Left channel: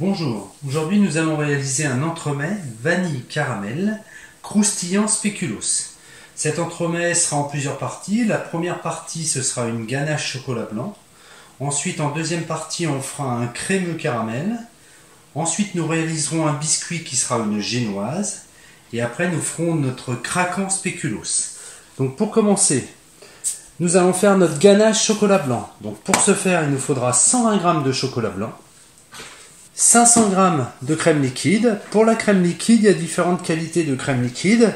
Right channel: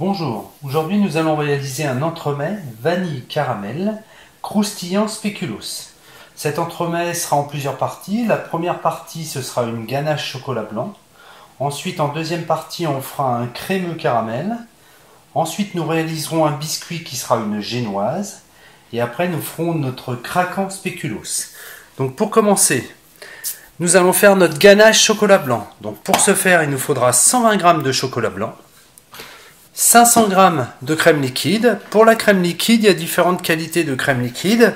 Bonjour, aujourd'hui nous allons réaliser un entremets vanille caramel croustillant spéculoos. Cet entremets sera en plusieurs parties. La première partie ce sera une ganache chocolat blanc. Ensuite en deuxième partie on fera un crémeux caramel. Ensuite nous réaliserons un biscuit qui sera une génoise. Et après nous ferons notre craquant spéculoos. Donc pour commencer, nous allons faire notre ganache chocolat blanc. Donc pour ce faire il nous faudra 120 g de chocolat blanc, 500 g de crème liquide. Pour la crème liquide, il y a différentes qualités de crème liquide.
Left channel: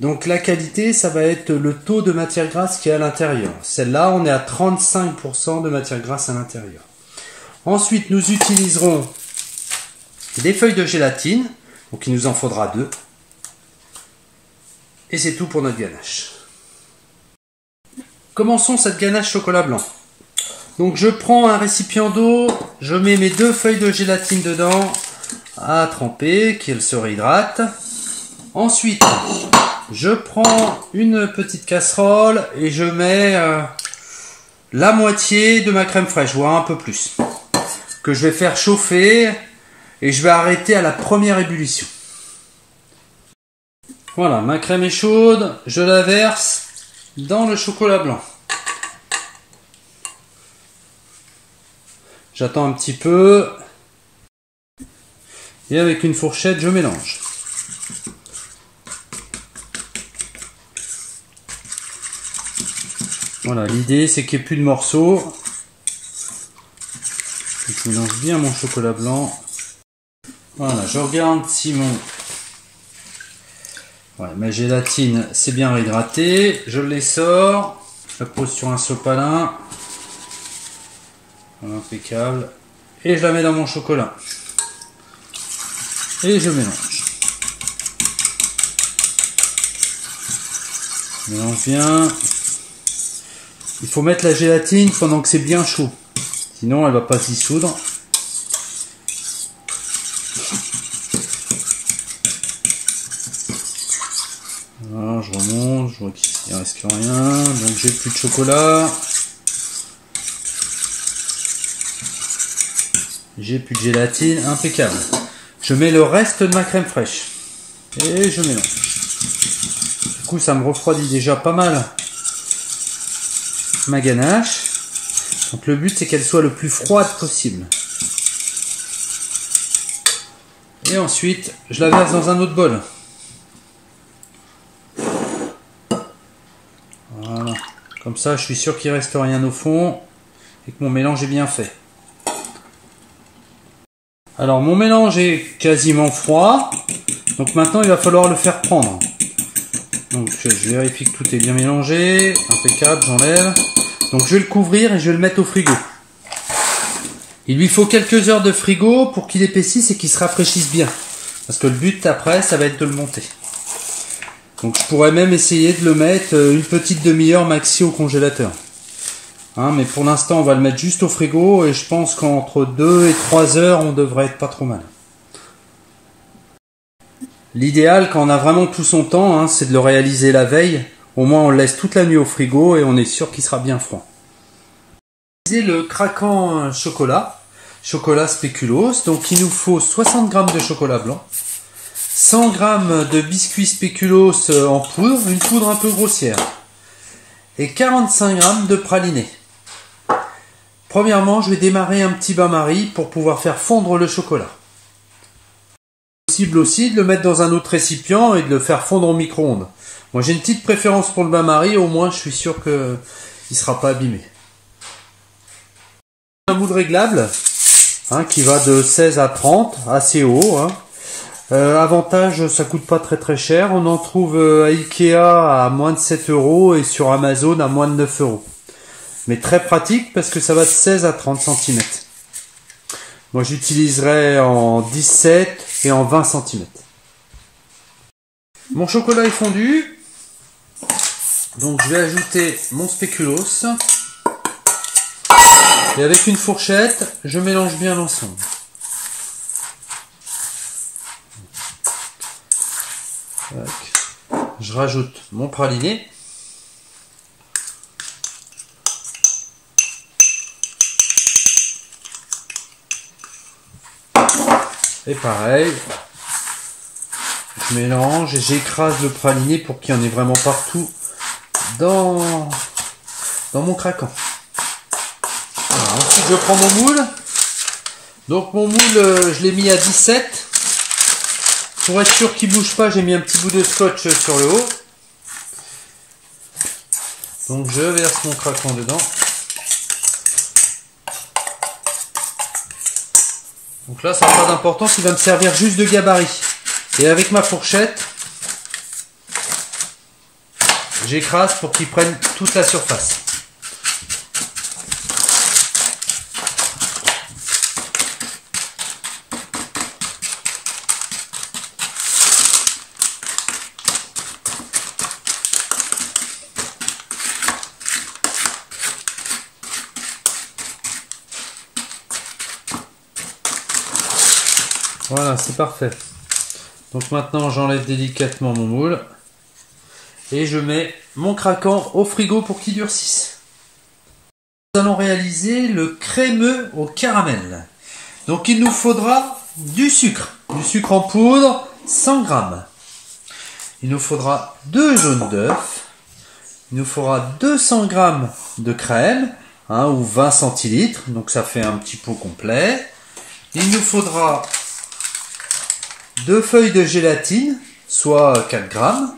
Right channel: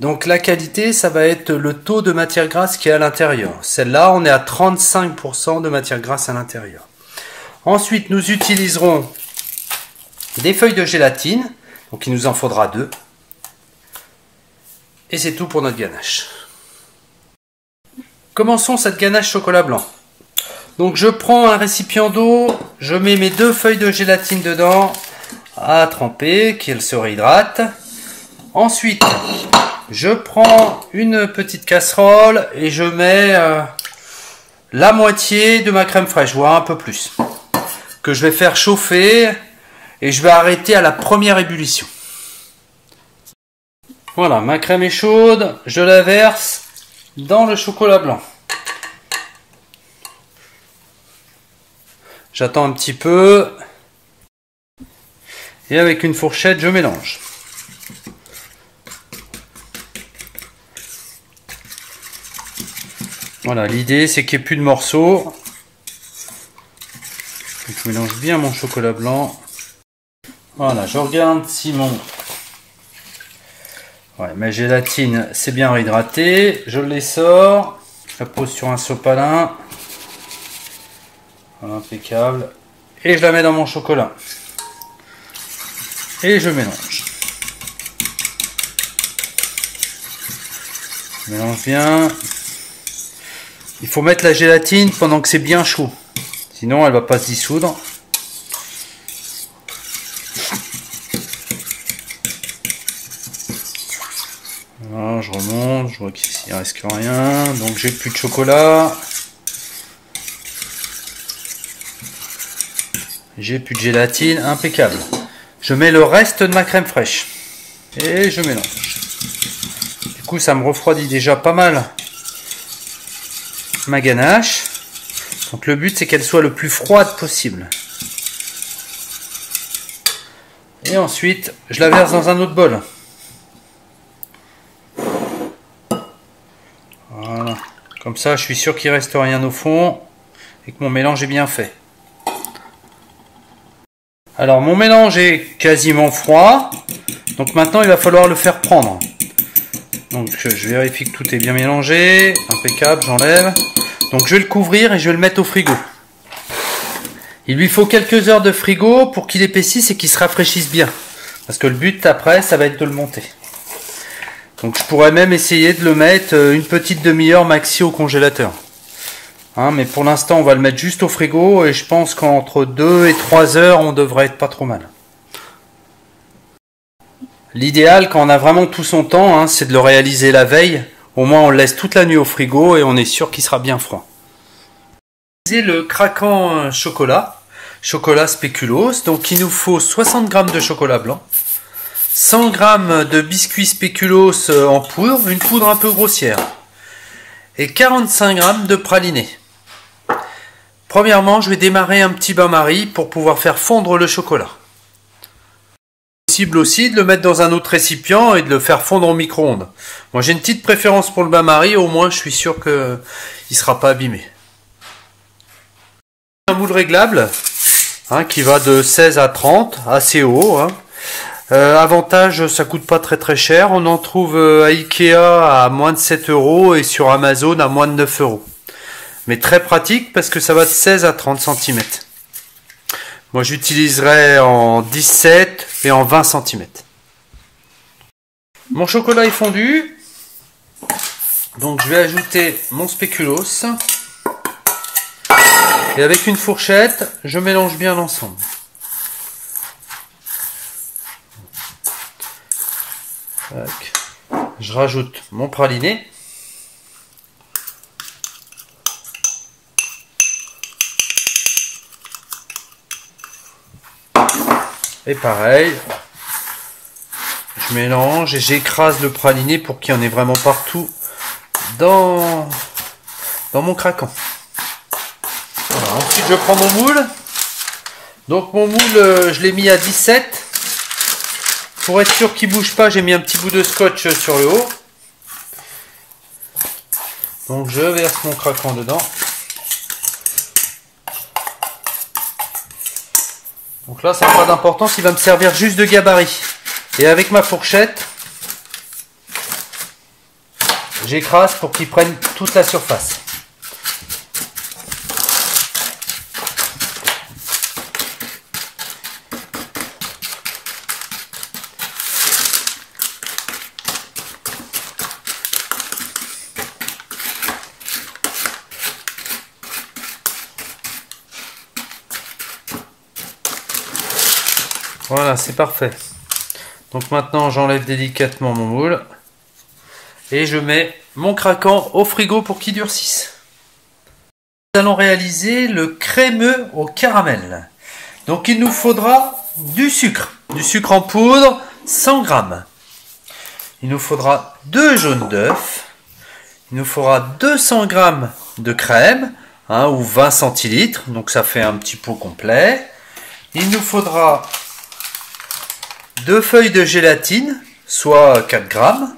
Donc la qualité, ça va être le taux de matière grasse qui est à l'intérieur. Celle-là, on est à 35% de matière grasse à l'intérieur. Ensuite, nous utiliserons des feuilles de gélatine. Donc il nous en faudra 2. Et c'est tout pour notre ganache. Commençons cette ganache chocolat blanc. Donc je prends un récipient d'eau, je mets mes 2 feuilles de gélatine dedans à tremper, qu'elles se réhydratent. Ensuite, je prends une petite casserole et je mets la moitié de ma crème fraîche, voire un peu plus, que je vais faire chauffer et je vais arrêter à la première ébullition. Voilà, ma crème est chaude, je la verse dans le chocolat blanc. J'attends un petit peu. Et avec une fourchette, je mélange. Voilà, l'idée c'est qu'il n'y ait plus de morceaux. Donc, je mélange bien mon chocolat blanc. Voilà, je regarde si ma gélatine c'est bien réhydraté. Je les sors. Je la pose sur un sopalin. Voilà, impeccable. Et je la mets dans mon chocolat. Et je mélange. Je mélange bien. Il faut mettre la gélatine pendant que c'est bien chaud. Sinon elle va pas se dissoudre. Voilà, je remonte. Je vois qu'ici il ne reste que rien. Donc j'ai plus de chocolat. J'ai plus de gélatine, impeccable. Je mets le reste de ma crème fraîche. Et je mélange. Du coup, ça me refroidit déjà pas mal ma ganache. Donc le but, c'est qu'elle soit le plus froide possible. Et ensuite, je la verse dans un autre bol. Voilà. Comme ça, je suis sûr qu'il ne reste rien au fond et que mon mélange est bien fait. Alors mon mélange est quasiment froid, donc maintenant il va falloir le faire prendre. Donc je vérifie que tout est bien mélangé, impeccable, j'enlève. Donc je vais le couvrir et je vais le mettre au frigo. Il lui faut quelques heures de frigo pour qu'il épaississe et qu'il se rafraîchisse bien. Parce que le but après, ça va être de le monter. Donc je pourrais même essayer de le mettre une petite demi-heure maxi au congélateur. Mais pour l'instant, on va le mettre juste au frigo et je pense qu'entre 2 et 3 heures, on devrait être pas trop mal. L'idéal, quand on a vraiment tout son temps, c'est de le réaliser la veille. Au moins, on le laisse toute la nuit au frigo et on est sûr qu'il sera bien froid. Le craquant chocolat spéculoos. Donc, il nous faut 60 g de chocolat blanc, 100 g de biscuits spéculoos en poudre, une poudre un peu grossière, et 45 g de praliné. Premièrement, je vais démarrer un petit bain-marie pour pouvoir faire fondre le chocolat. Possible aussi de le mettre dans un autre récipient et de le faire fondre au micro-ondes. Moi, j'ai une petite préférence pour le bain-marie, au moins je suis sûr qu'il ne sera pas abîmé. Un moule réglable qui va de 16 à 30, assez haut. Avantage, ça coûte pas très cher. On en trouve à Ikea à moins de 7 € et sur Amazon à moins de 9 €. Mais très pratique parce que ça va de 16 à 30 cm. Moi j'utiliserai en 17 et en 20 cm. Mon chocolat est fondu. Donc je vais ajouter mon spéculoos. Et avec une fourchette, je mélange bien l'ensemble. Je rajoute mon praliné. Et pareil, je mélange et j'écrase le praliné pour qu'il y en ait vraiment partout dans mon craquant. Voilà, ensuite je prends mon moule. Donc mon moule, je l'ai mis à 17. Pour être sûr qu'il ne bouge pas, j'ai mis un petit bout de scotch sur le haut. Donc je verse mon craquant dedans. Donc là, ça n'a pas d'importance, il va me servir juste de gabarit. Et avec ma fourchette, j'écrase pour qu'il prenne toute la surface. Voilà, c'est parfait. Donc maintenant, j'enlève délicatement mon moule et je mets mon craquant au frigo pour qu'il durcisse. Nous allons réaliser le crémeux au caramel. Donc il nous faudra du sucre en poudre, 100 g. Il nous faudra 2 jaunes d'œufs. Il nous faudra 200 g de crème, ou 20 centilitres, donc ça fait un petit pot complet. Il nous faudra 2 feuilles de gélatine, soit 4 grammes.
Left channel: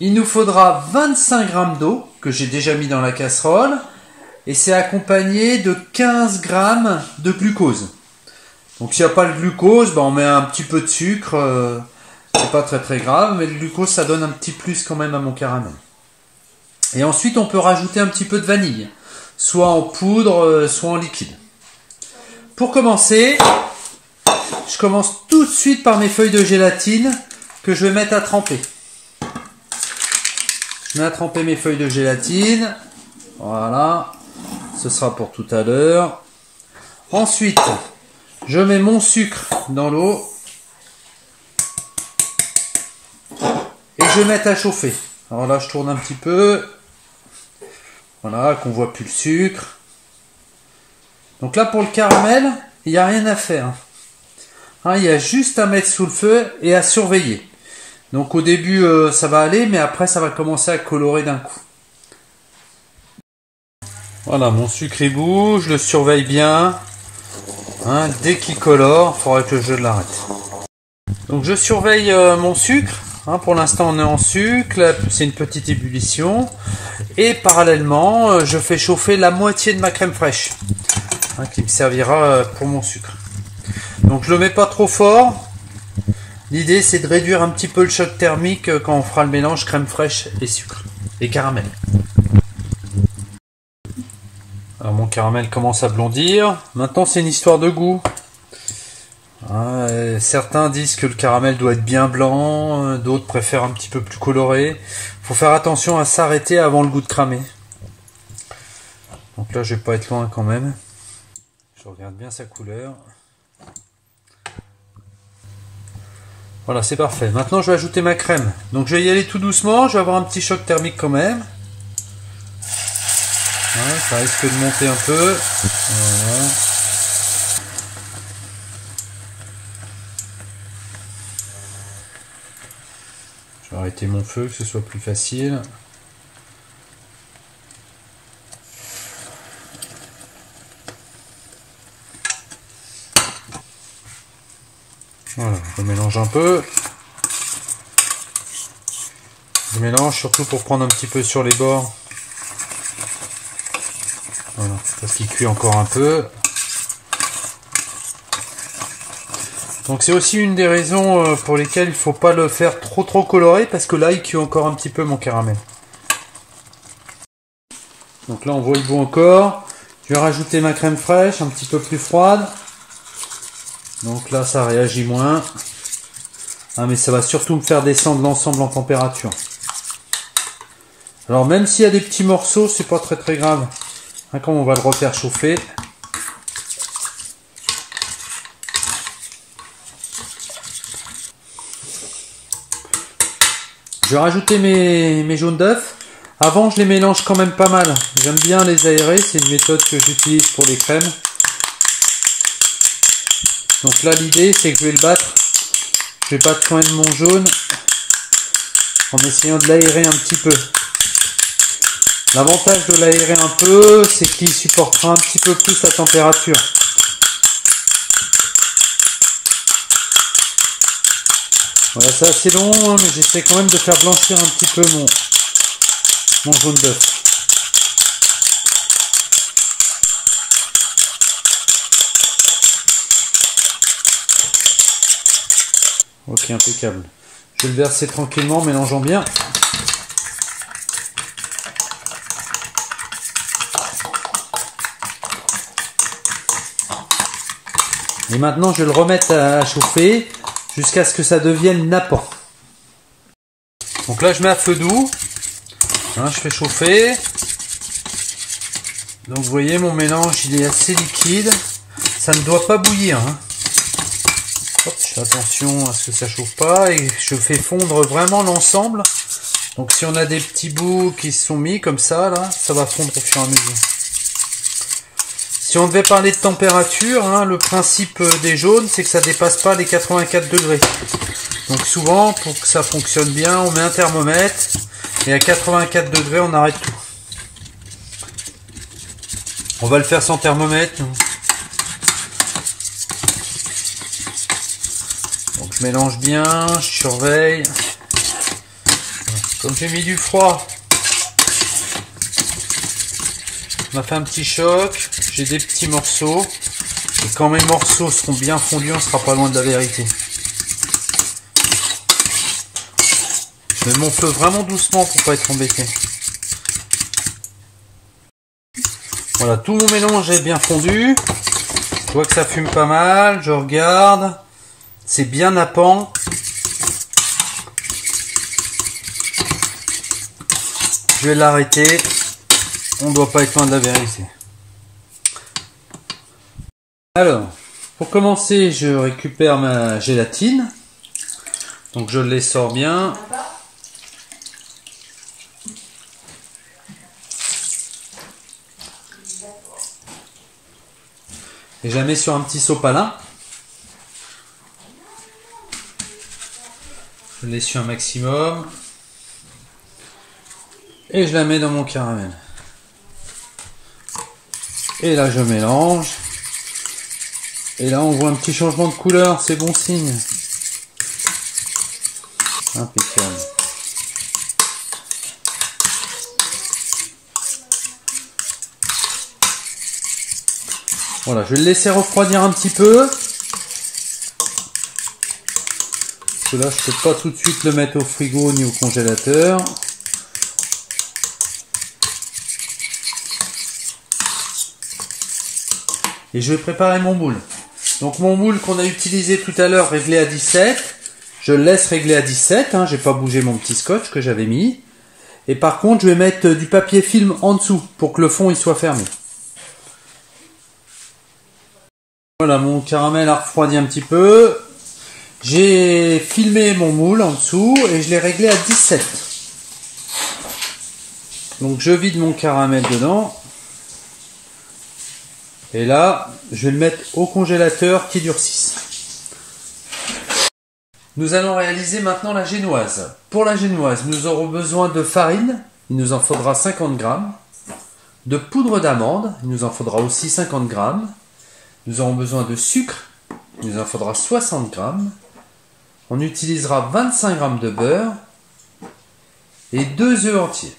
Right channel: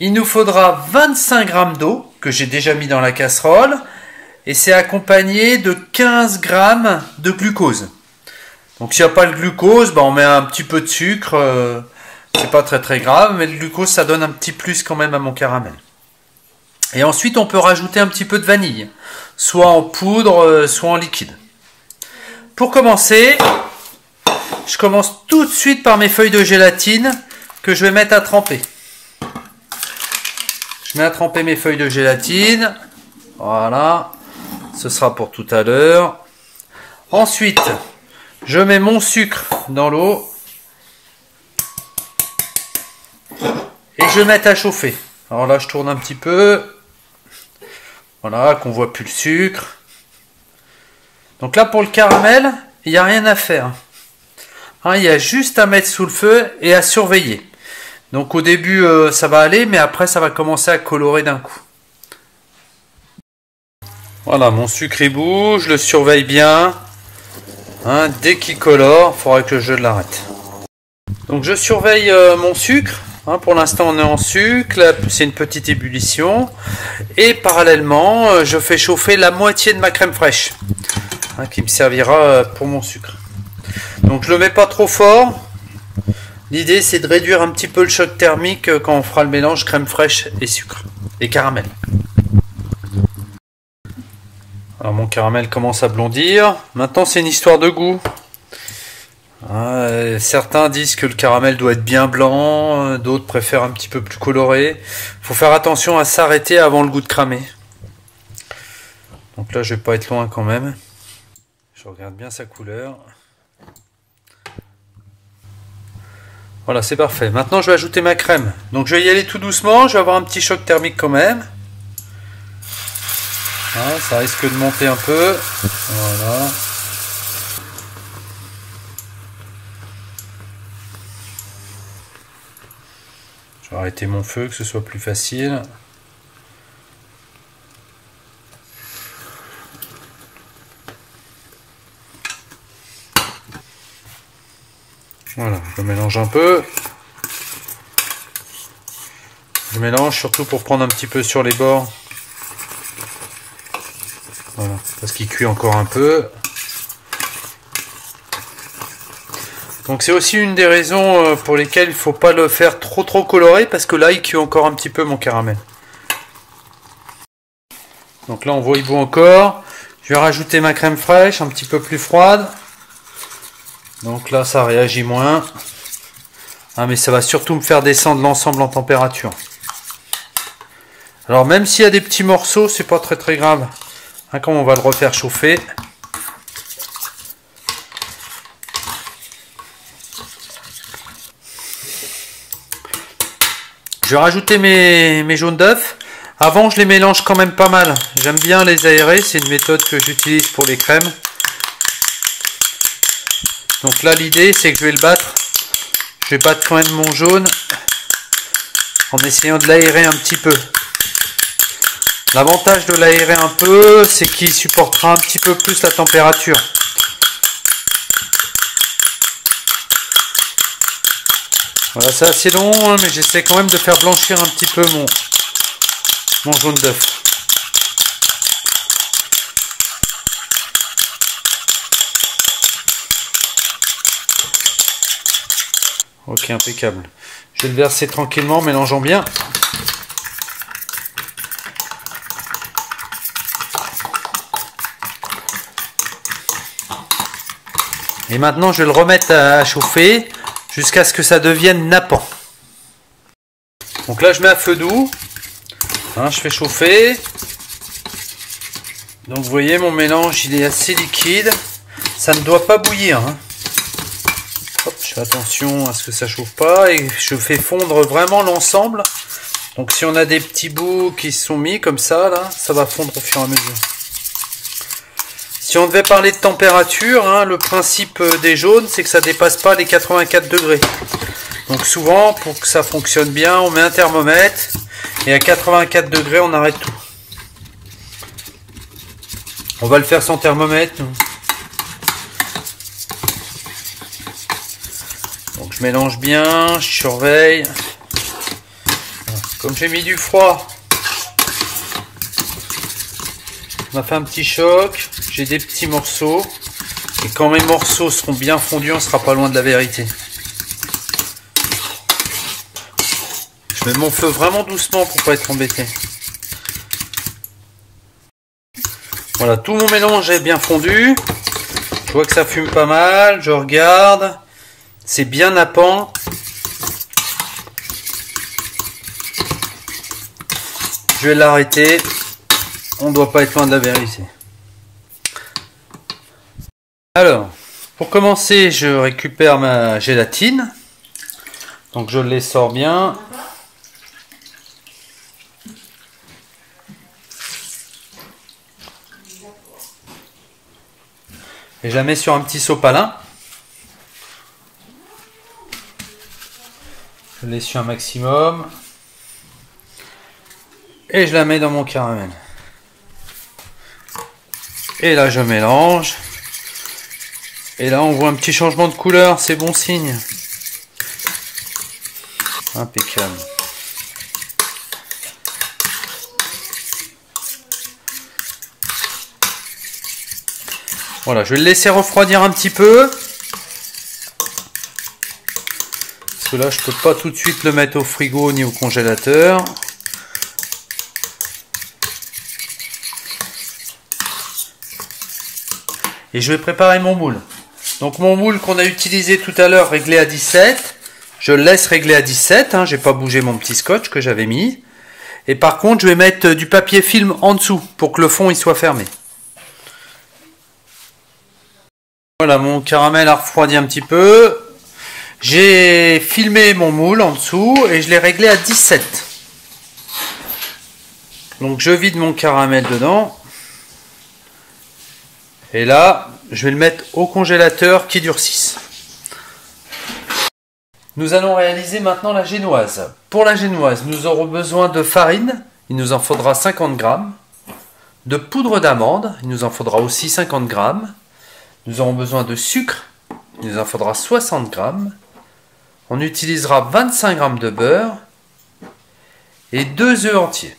Il nous faudra 25 g d'eau, que j'ai déjà mis dans la casserole, et c'est accompagné de 15 g de glucose. Donc s'il n'y a pas le glucose, on met un petit peu de sucre, c'est pas très grave, mais le glucose ça donne un petit plus quand même à mon caramel. Et ensuite on peut rajouter un petit peu de vanille, soit en poudre, soit en liquide. Pour commencer, je commence tout de suite par mes feuilles de gélatine que je vais mettre à tremper. Je mets à tremper mes feuilles de gélatine. Voilà. Ce sera pour tout à l'heure. Ensuite, je mets mon sucre dans l'eau. Et je mets à chauffer. Alors là, je tourne un petit peu. Voilà, qu'on voit plus le sucre. Donc là, pour le caramel, il n'y a rien à faire. Il y a juste à mettre sous le feu et à surveiller. Donc au début ça va aller, mais après ça va commencer à colorer d'un coup. Voilà, mon sucre il bouge, je le surveille bien. Dès qu'il colore, il faudra que je l'arrête. Donc je surveille mon sucre. Pour l'instant on est en sucre, là c'est une petite ébullition. Et parallèlement je fais chauffer la moitié de ma crème fraîche, qui me servira pour mon sucre. Donc je le mets pas trop fort. L'idée c'est de réduire un petit peu le choc thermique quand on fera le mélange crème fraîche et sucre et caramel. Alors mon caramel commence à blondir. Maintenant c'est une histoire de goût. Certains disent que le caramel doit être bien blanc, d'autres préfèrent un petit peu plus coloré. Faut faire attention à s'arrêter avant le goût de cramer. Donc là je vais pas être loin quand même. Je regarde bien sa couleur. Voilà, c'est parfait. Maintenant, je vais ajouter ma crème. Donc, je vais y aller tout doucement. Je vais avoir un petit choc thermique quand même. Voilà, ça risque de monter un peu. Voilà. Je vais arrêter mon feu, que ce soit plus facile. Voilà, je mélange un peu. Je mélange surtout pour prendre un petit peu sur les bords. Voilà, parce qu'il cuit encore un peu. Donc c'est aussi une des raisons pour lesquelles il ne faut pas le faire trop coloré, parce que là il cuit encore un petit peu mon caramel. Donc là on voit il bout encore. Je vais rajouter ma crème fraîche, un petit peu plus froide. Donc là ça réagit moins. Mais ça va surtout me faire descendre l'ensemble en température. Alors même s'il y a des petits morceaux, c'est pas très grave. Comme on va le refaire chauffer. Je vais rajouter mes jaunes d'œufs. Avant je les mélange quand même pas mal. J'aime bien les aérer, c'est une méthode que j'utilise pour les crèmes. Donc là l'idée c'est que je vais le battre. Je vais battre quand même mon jaune en essayant de l'aérer un petit peu. L'avantage de l'aérer un peu, c'est qu'il supportera un petit peu plus la température. Voilà, c'est assez long, hein, mais j'essaie quand même de faire blanchir un petit peu mon jaune d'œuf. Ok, impeccable. Je vais le verser tranquillement, mélangeant bien. Et maintenant, je vais le remettre à chauffer jusqu'à ce que ça devienne nappant. Donc là, je mets à feu doux. Hein, je fais chauffer. Donc vous voyez, mon mélange, il est assez liquide. Ça ne doit pas bouillir. Hein. Hop, je fais attention à ce que ça chauffe pas et je fais fondre vraiment l'ensemble. Donc si on a des petits bouts qui se sont mis comme ça, là, ça va fondre au fur et à mesure. Si on devait parler de température, hein, le principe des jaunes, c'est que ça dépasse pas les 84 degrés. Donc souvent, pour que ça fonctionne bien, on met un thermomètre et à 84 degrés, on arrête tout. On va le faire sans thermomètre. Donc je mélange bien, je surveille. Comme j'ai mis du froid, on a fait un petit choc. J'ai des petits morceaux. Et quand mes morceaux seront bien fondus, on sera pas loin de la vérité. Je mets mon feu vraiment doucement pour pas être embêté. Voilà, tout mon mélange est bien fondu. Je vois que ça fume pas mal. Je regarde. C'est bien nappant. Je vais l'arrêter. On ne doit pas être loin de la vérité. Alors, pour commencer, je récupère ma gélatine. Donc je l'essore bien. Et je la mets sur un petit sopalin. Je l'essuie un maximum. Et je la mets dans mon caramel. Et là je mélange. Et là on voit un petit changement de couleur, c'est bon signe. Impeccable. Voilà, je vais le laisser refroidir un petit peu. Parce que là je peux pas tout de suite le mettre au frigo ni au congélateur. Et je vais préparer mon moule. Donc mon moule qu'on a utilisé tout à l'heure réglé à 17, je le laisse régler à 17, hein, j'ai pas bougé mon petit scotch que j'avais mis. Et par contre je vais mettre du papier film en dessous pour que le fond il soit fermé. Voilà, mon caramel a refroidi un petit peu. J'ai filmé mon moule en dessous et je l'ai réglé à 17. Donc je vide mon caramel dedans. Et là, je vais le mettre au congélateur qui durcisse. Nous allons réaliser maintenant la génoise. Pour la génoise, nous aurons besoin de farine. Il nous en faudra 50 g. De poudre d'amande. Il nous en faudra aussi 50 g. Nous aurons besoin de sucre. Il nous en faudra 60 g. On utilisera 25 g de beurre. Et 2 œufs entiers.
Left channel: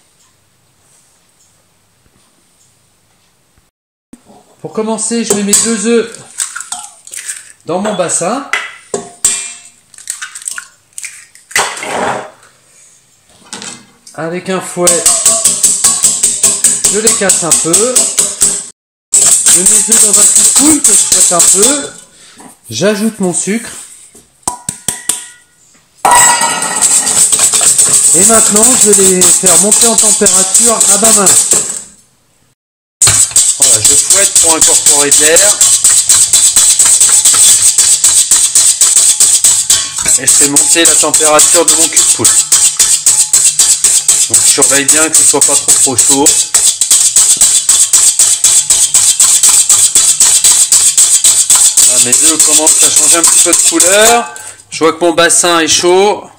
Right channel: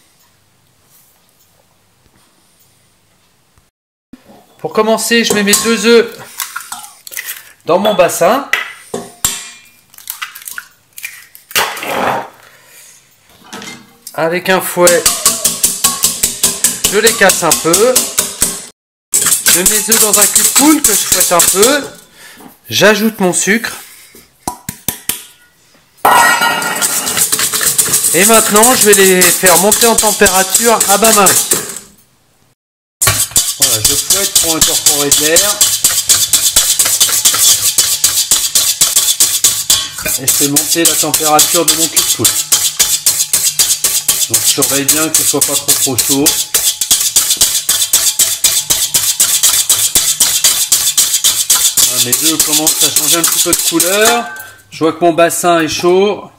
Pour commencer, je mets mes 2 œufs dans mon bassin. Avec un fouet, je les casse un peu. Je mets mes œufs dans un cul de poule que je fouette un peu. J'ajoute mon sucre. Et maintenant, je vais les faire monter en température à bas main. Voilà, je fouette pour incorporer de l'air. Et je fais monter la température de mon cul de poule. Donc je surveille bien que ce soit pas trop chaud. Ah, mes œufs commencent à changer un petit peu de couleur. Je vois que mon bassin est chaud.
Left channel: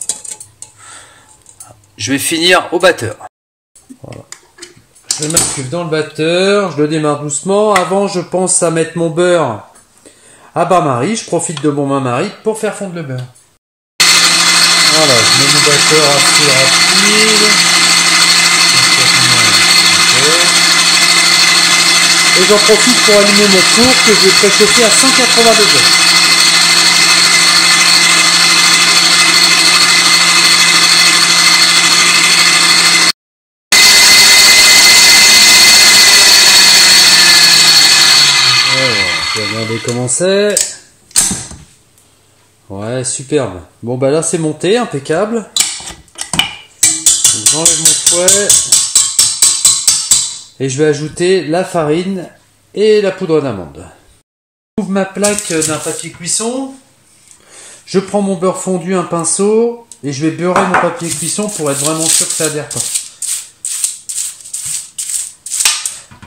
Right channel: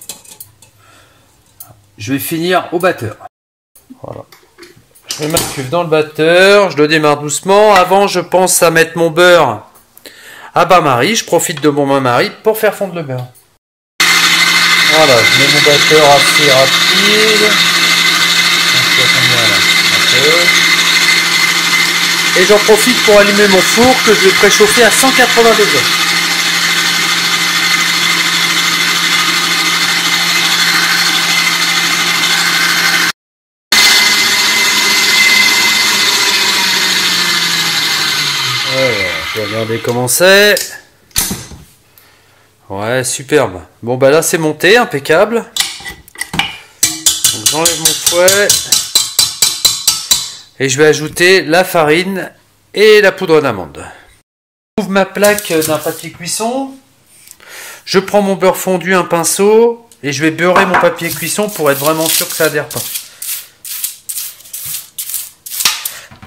Je vais finir au batteur. Voilà. Je mets ma cuve dans le batteur. Je le démarre doucement. Avant, je pense à mettre mon beurre à bain-marie. Je profite de mon bain-marie pour faire fondre le beurre. Voilà, je mets mon batteur assez rapide. Et j'en profite pour allumer mon four que je vais préchauffer à 180 degrés. Je vais regarder comment c'est. Ouais, superbe. Bon bah là c'est monté, impeccable. J'enlève mon fouet. Et je vais ajouter la farine et la poudre d'amande. J'ouvre ma plaque d'un papier cuisson. Je prends mon beurre fondu, un pinceau. Et je vais beurrer mon papier cuisson pour être vraiment sûr que ça adhère pas.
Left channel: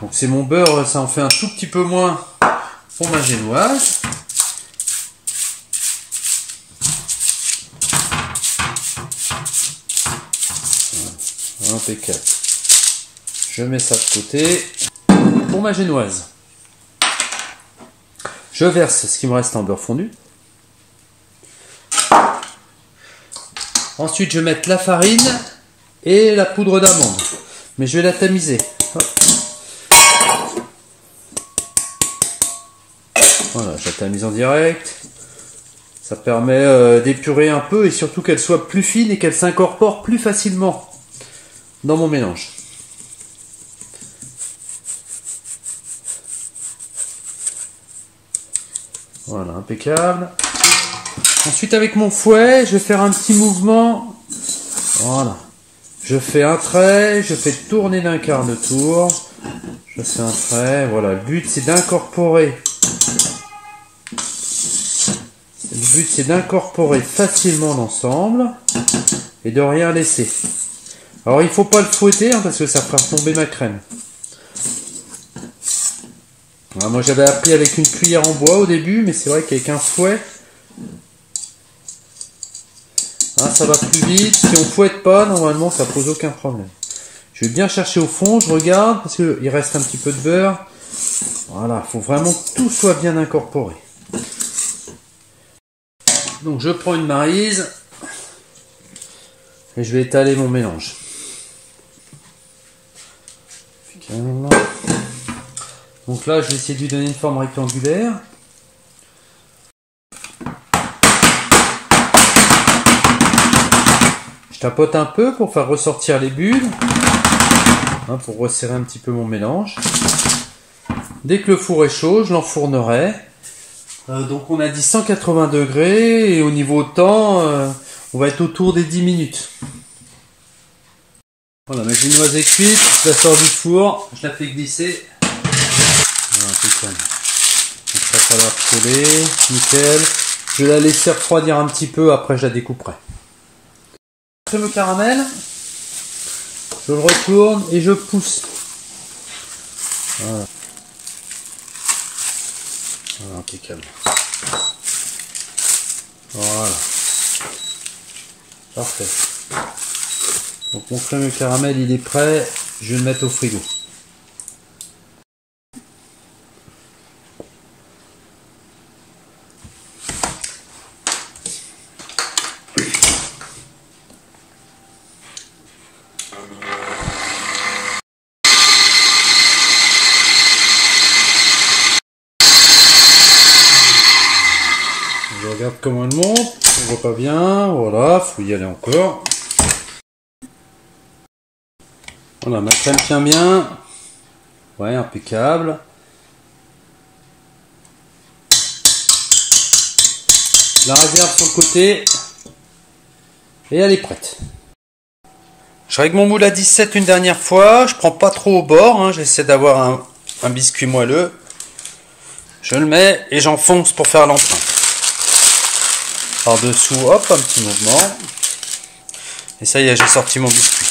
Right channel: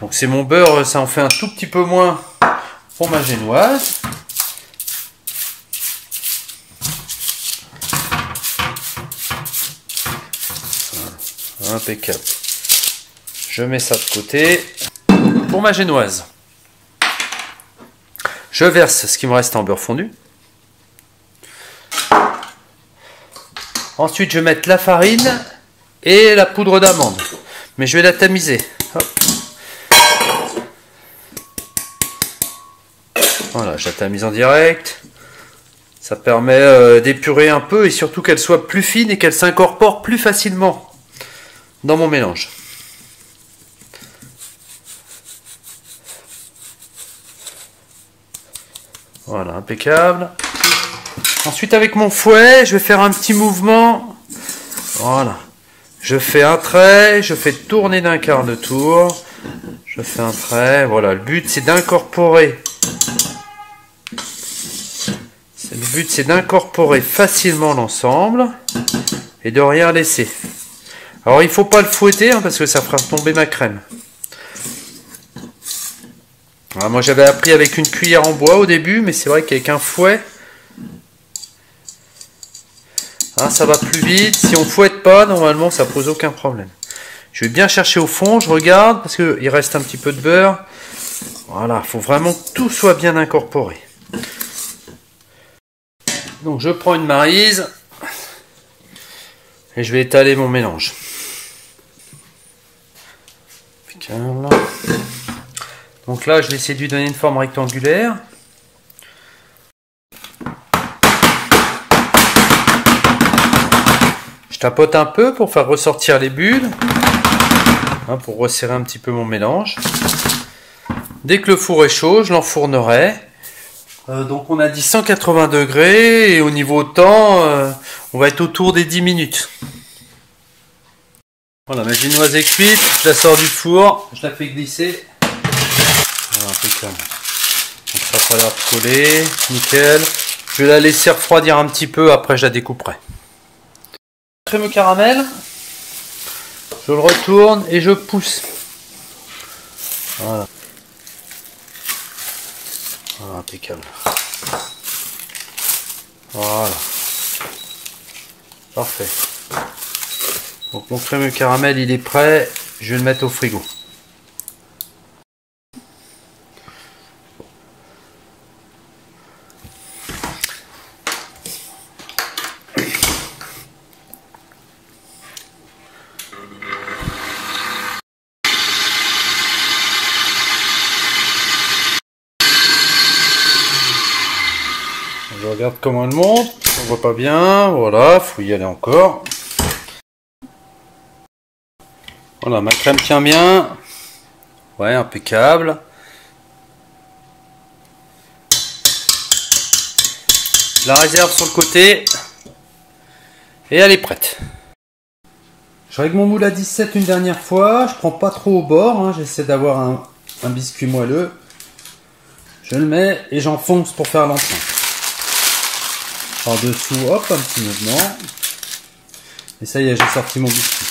Donc c'est mon beurre, ça en fait un tout petit peu moins pour ma génoise. Impeccable. Je mets ça de côté. Pour ma génoise, je verse ce qui me reste en beurre fondu. Ensuite, je vais mettre la farine et la poudre d'amande. Mais je vais la tamiser. Hop. Voilà, je la tamise en direct. Ça permet d'épurer un peu et surtout qu'elle soit plus fine et qu'elle s'incorpore plus facilement dans mon mélange. Voilà, impeccable. Ensuite, avec mon fouet, je vais faire un petit mouvement. Voilà. Je fais un trait, je fais tourner d'un quart de tour. Je fais un trait. Voilà, le but c'est d'incorporer. Le but c'est d'incorporer facilement l'ensemble et de rien laisser. Alors il ne faut pas le fouetter hein, parce que ça fera tomber ma crème. Alors, moi j'avais appris avec une cuillère en bois au début, mais c'est vrai qu'avec un fouet, hein, ça va plus vite. Si on ne fouette pas, normalement ça pose aucun problème. Je vais bien chercher au fond, je regarde parce qu'il reste un petit peu de beurre. Voilà, il faut vraiment que tout soit bien incorporé. Donc je prends une maryse et je vais étaler mon mélange. Donc là je vais essayer de lui donner une forme rectangulaire. Je tapote un peu pour faire ressortir les bulles, hein, pour resserrer un petit peu mon mélange. Dès que le four est chaud, je l'enfournerai. Donc on a dit 180 degrés et au niveau temps, on va être autour des 10 minutes. Voilà, ma génoise est cuite, je la sors du four, je la fais glisser. Voilà, impeccable. Donc ça va coller, nickel. Je vais la laisser refroidir un petit peu, après je la découperai. Crème au caramel, je le retourne et je pousse. Voilà. Voilà, impeccable. Voilà. Parfait. Donc mon crémeux caramel il est prêt, je vais le mettre au frigo. Je regarde comment elle monte, on voit pas bien, voilà, faut y aller encore. Voilà, ma crème tient bien. Ouais, impeccable. Je la réserve sur le côté. Et elle est prête. Je règle mon moule à 17 une dernière fois. Je prends pas trop au bord. Hein. J'essaie d'avoir un biscuit moelleux. Je le mets et j'enfonce pour faire l'empreinte. Par dessous, hop, un petit mouvement. Et ça y est, j'ai sorti mon biscuit.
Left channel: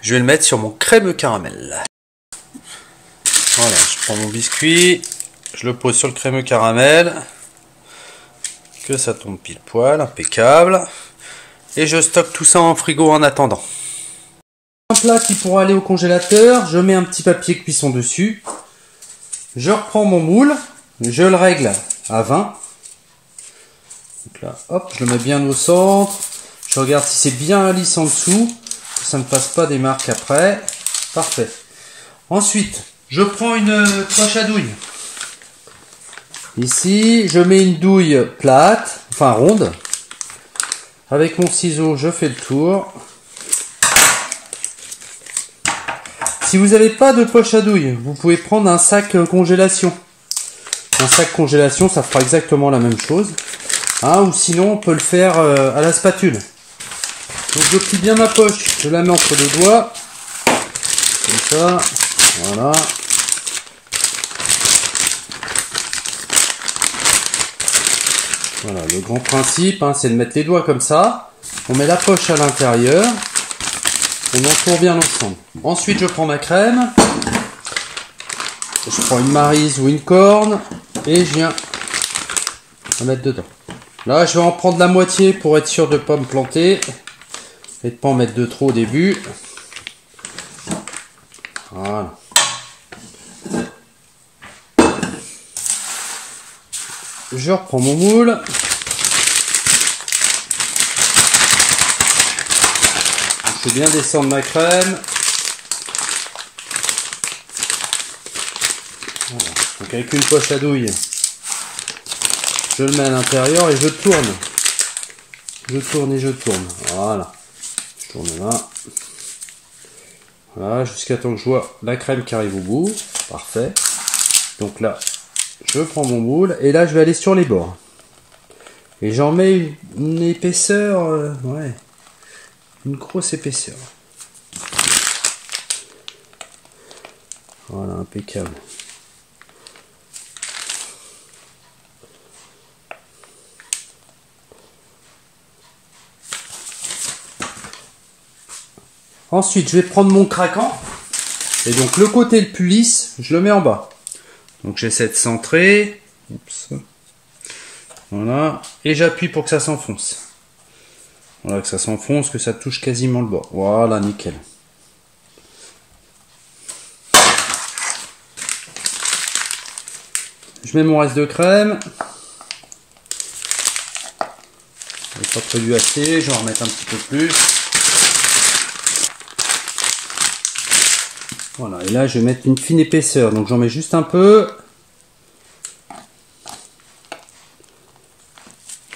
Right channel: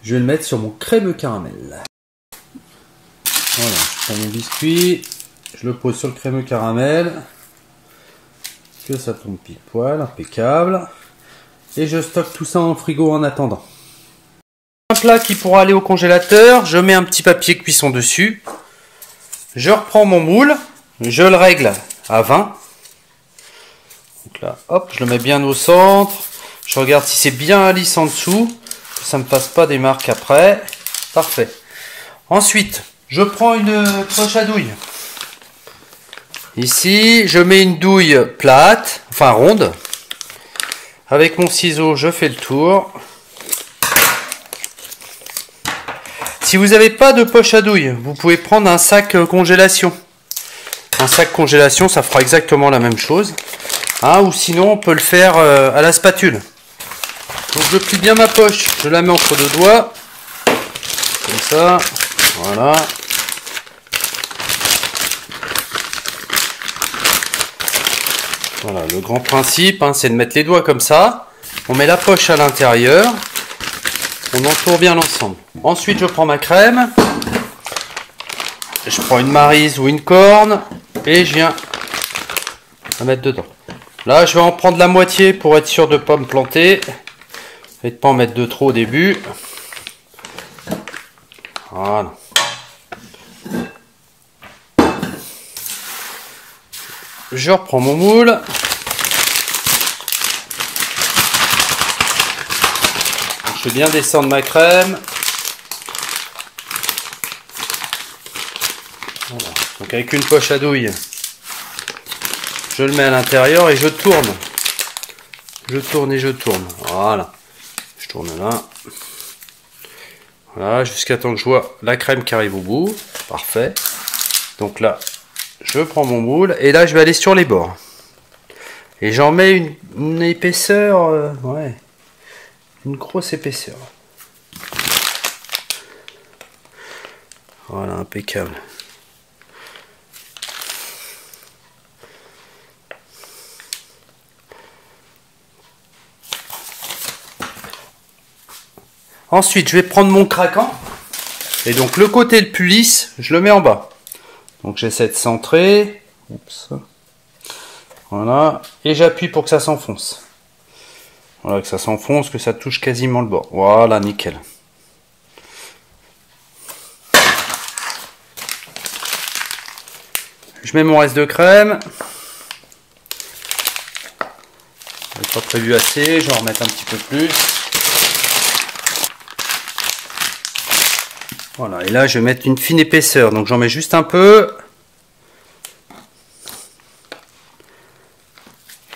Je vais le mettre sur mon crème caramel. Voilà, je prends mon biscuit, je le pose sur le crémeux caramel. Que ça tombe pile poil, impeccable. Et je stocke tout ça en frigo en attendant. Un plat qui pourra aller au congélateur, je mets un petit papier cuisson dessus. Je reprends mon moule, je le règle à 20. Donc là, hop, je le mets bien au centre. Je regarde si c'est bien lisse en dessous, que ça ne me fasse pas des marques après. Parfait. Ensuite, je prends une poche à douille. Ici, je mets une douille plate, enfin ronde. Avec mon ciseau, je fais le tour. Si vous n'avez pas de poche à douille, vous pouvez prendre un sac congélation. Un sac congélation, ça fera exactement la même chose. Hein, ou sinon, on peut le faire à la spatule. Donc je plie bien ma poche, je la mets entre deux doigts. Comme ça, voilà. Voilà, le grand principe, hein, c'est de mettre les doigts comme ça. On met la poche à l'intérieur. On entoure bien l'ensemble. Ensuite, je prends ma crème. Je prends une Maryse ou une Corne. Et je viens la mettre dedans. Là, je vais en prendre la moitié pour être sûr de ne pas me planter. Et de ne pas en mettre de trop au début. Voilà. Je reprends mon moule. Je vais bien descendre ma crème. Voilà. Donc avec une poche à douille, je le mets à l'intérieur et je tourne. Je tourne et je tourne. Voilà. Je tourne là. Voilà, jusqu'à temps que je vois la crème qui arrive au bout. Parfait. Donc là, je prends mon moule et là je vais aller sur les bords. Et j'en mets une épaisseur, ouais, une grosse épaisseur. Voilà, impeccable. Ensuite, je vais prendre mon craquant. Et donc le côté le plus lisse, je le mets en bas. Donc j'essaie de centrer. Oups. Voilà. Et j'appuie pour que ça s'enfonce. Voilà, que ça s'enfonce, que ça touche quasiment le bord. Voilà, nickel. Je mets mon reste de crème. J'ai pas prévu assez, je vais en remettre un petit peu plus. Voilà, et là je vais mettre une fine épaisseur, donc j'en mets juste un peu.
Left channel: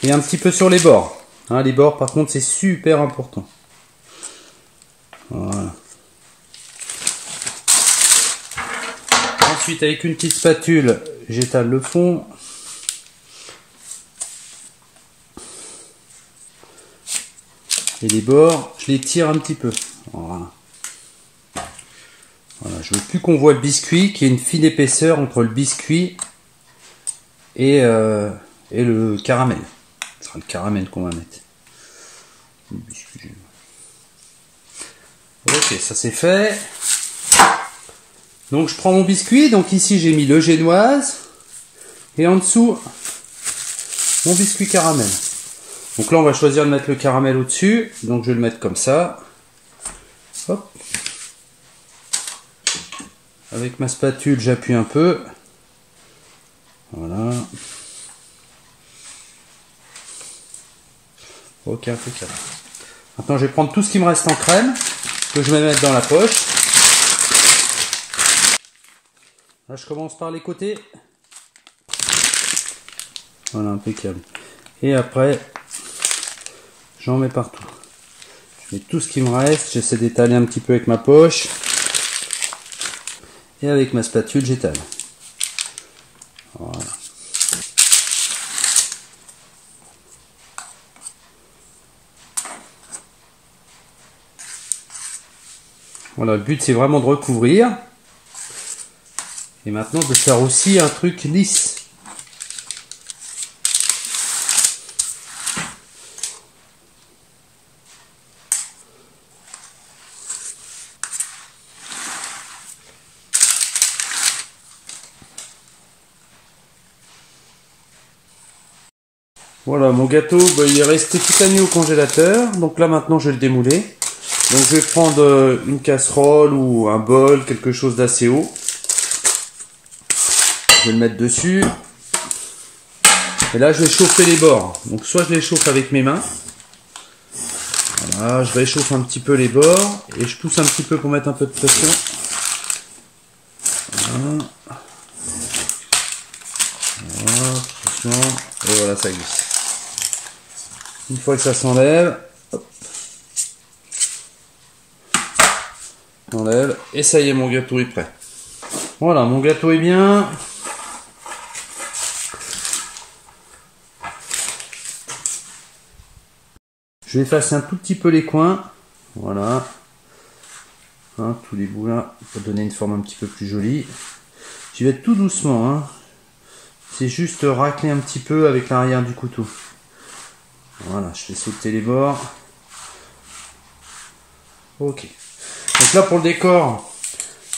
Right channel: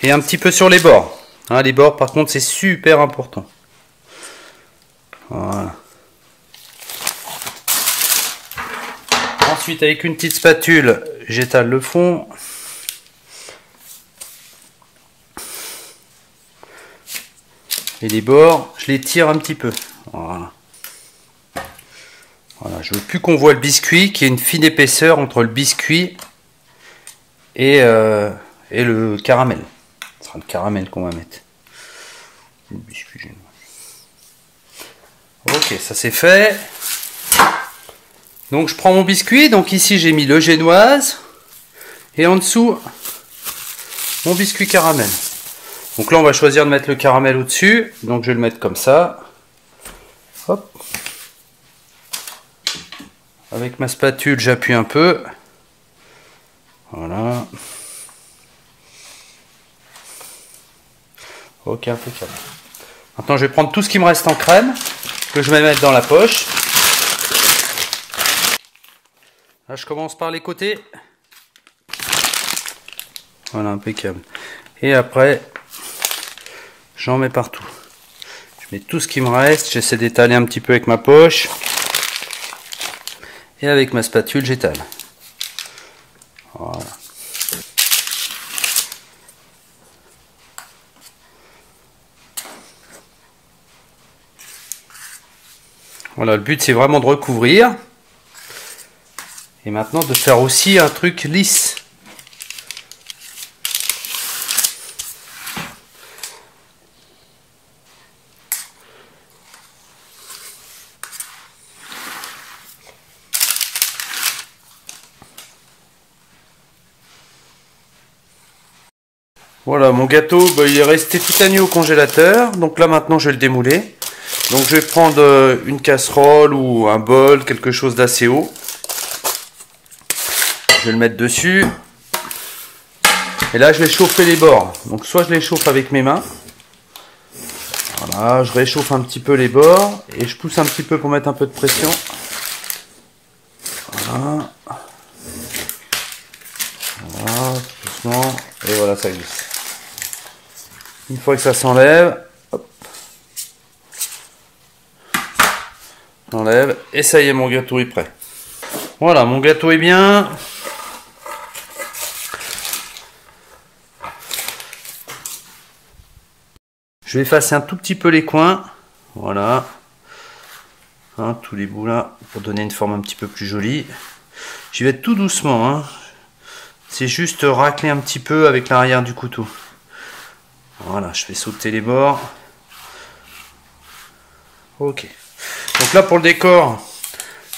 Et un petit peu sur les bords. Hein, les bords par contre c'est super important. Voilà. Ensuite avec une petite spatule, j'étale le fond. Et les bords, je les tire un petit peu. Voilà. Voilà, je veux plus qu'on voit le biscuit, qu'il y ait une fine épaisseur entre le biscuit et le caramel. Ce sera le caramel qu'on va mettre. Le biscuit. Ok, ça c'est fait. Donc je prends mon biscuit. Donc ici j'ai mis le génoise. Et en dessous, mon biscuit caramel. Donc là on va choisir de mettre le caramel au-dessus. Donc je vais le mettre comme ça. Hop. Avec ma spatule, j'appuie un peu. Voilà. Ok, impeccable. Maintenant, je vais prendre tout ce qui me reste en crème, que je vais mettre dans la poche. Là, je commence par les côtés. Voilà, impeccable. Et après, j'en mets partout. Je mets tout ce qui me reste. J'essaie d'étaler un petit peu avec ma poche. Et avec ma spatule, j'étale. Voilà. Voilà, le but c'est vraiment de recouvrir. Et maintenant de faire aussi un truc lisse. Voilà, mon gâteau, bah, il est resté toute la nuit au congélateur. Donc là, maintenant, je vais le démouler. Donc je vais prendre une casserole ou un bol, quelque chose d'assez haut. Je vais le mettre dessus. Et là, je vais chauffer les bords. Donc soit je les chauffe avec mes mains. Voilà, je réchauffe un petit peu les bords. Et je pousse un petit peu pour mettre un peu de pression. Voilà. Voilà, doucement. Et voilà, ça glisse. Une fois que ça s'enlève, on enlève. Et ça y est, mon gâteau est prêt. Voilà, mon gâteau est bien. Je vais effacer un tout petit peu les coins. Voilà. Hein, tous les bouts là, pour donner une forme un petit peu plus jolie. J'y vais tout doucement. Hein. C'est juste racler un petit peu avec l'arrière du couteau. Voilà, je vais sauter les bords. Ok. Donc là, pour le décor,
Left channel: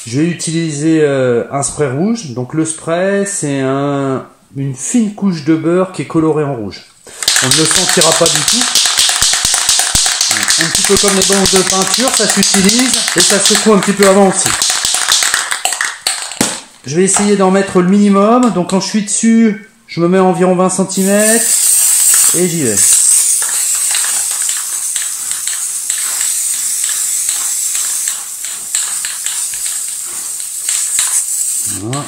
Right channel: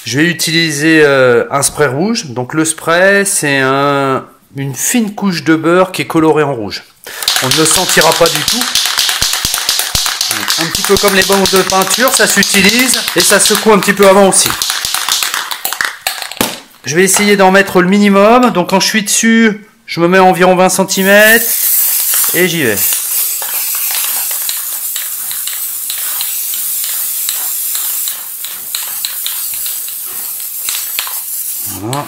je vais utiliser un spray rouge. Donc le spray, c'est une fine couche de beurre qui est colorée en rouge. On ne le sentira pas du tout. Un petit peu comme les bandes de peinture, ça s'utilise et ça secoue un petit peu avant aussi. Je vais essayer d'en mettre le minimum. Donc quand je suis dessus, je me mets environ 20 cm et j'y vais. Voilà.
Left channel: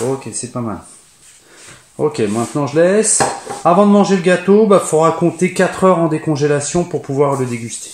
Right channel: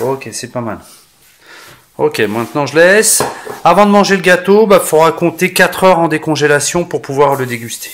Ok, c'est pas mal. Ok, maintenant je laisse. Avant de manger le gâteau, il faudra compter 4 heures en décongélation pour pouvoir le déguster.